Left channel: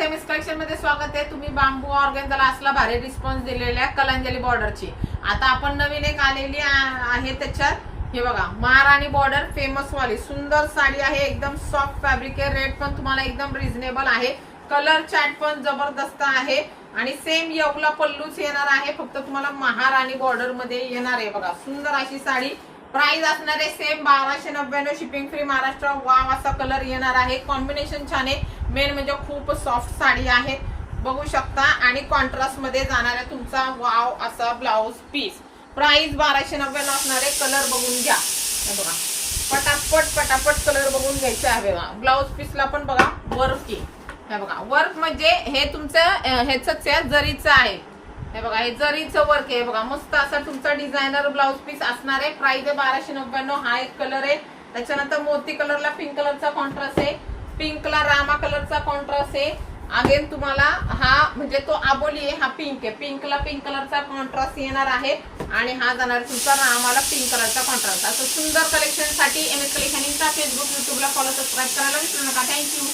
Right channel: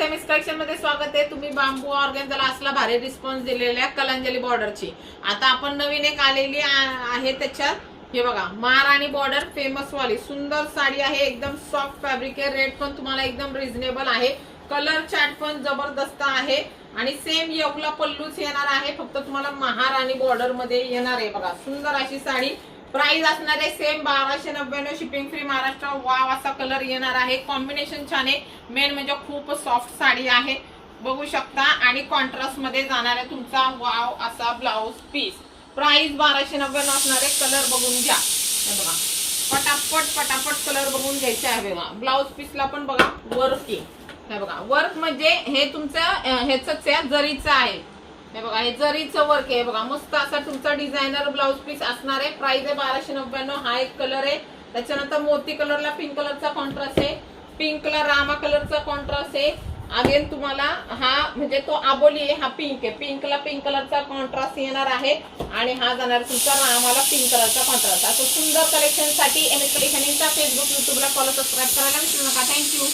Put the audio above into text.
स्वागत आहे miss collection मध्ये स्वागत आहे। तुम्ही बांबू ऑर्गेन्झाला असला भारी रिस्पॉन्स दिलेला आहे कलांजली बॉर्डरची। आता आपण नवीन एक आलेली आहे त्याच्यात हे बघा महाराणी बॉर्डर फेमस वाली सुंदर साडी आहे। एकदम सॉफ्ट फॅब्रिक आहे। रेट पण तुम्हाला एकदम रिझनेबल आहे। कलर चार्ट पण जबरदस्त आहे आणि सेम योगला पल्लूच येणार आहे। फक्त तुम्हाला महाराणी बॉर्डर मध्ये येणार आहे बघा सुंदर अशी साडी। प्राइस असणार आहे same 1299 shipping free Maharashtra. Wow असा कलर येणार आहे। कॉम्बिनेशन छान आहे। मेन म्हणजे खूप सॉफ्ट साडी आहे बघू शकता आणि कॉन्ट्रास्ट मध्ये जाणार आहे तुमचा वाव असा ब्लाउज पीस। प्राइस 1299 असणार आहे। कलर बघून घ्या हे बघा पटापट कलर बघून घ्यायचे आहे बघा। ब्लाउज पीसला पण बघा वर्क हे बघा। वर्क म्हणजे हे तुमचं ह्याचंच आहे जरीचं आहे हे बघा। हे जरीचं वर्क आहे बघा। मस्त असा तुमचा डिझायनर ब्लाउज पीस असणार आहे। प्राइस आहे 1299। हा एक कलर आहे। त्याच्यानंतर मोती कलरला पिंक कलरचा कॉन्ट्रास्ट आहे। पिंकला रामा कलरचा कॉन्ट्रास्ट आहे। अगेन तुम्हाला हा म्हणजे तो आबोली आहे हा पिंक आहे। पिंकला पिंक कलरचा कॉन्ट्रास्ट येणार आहे आणि हा जाणार तुमचा रामाला पिंक कलरचा कॉन्ट्रास्ट। असं सुंदर कलेक्शन साठी एमएस कलेक्शन इंस्टा फेसबुक युट्यूबला फॉलो सबस्क्राइब करायला विसरू नका। थँक्यू।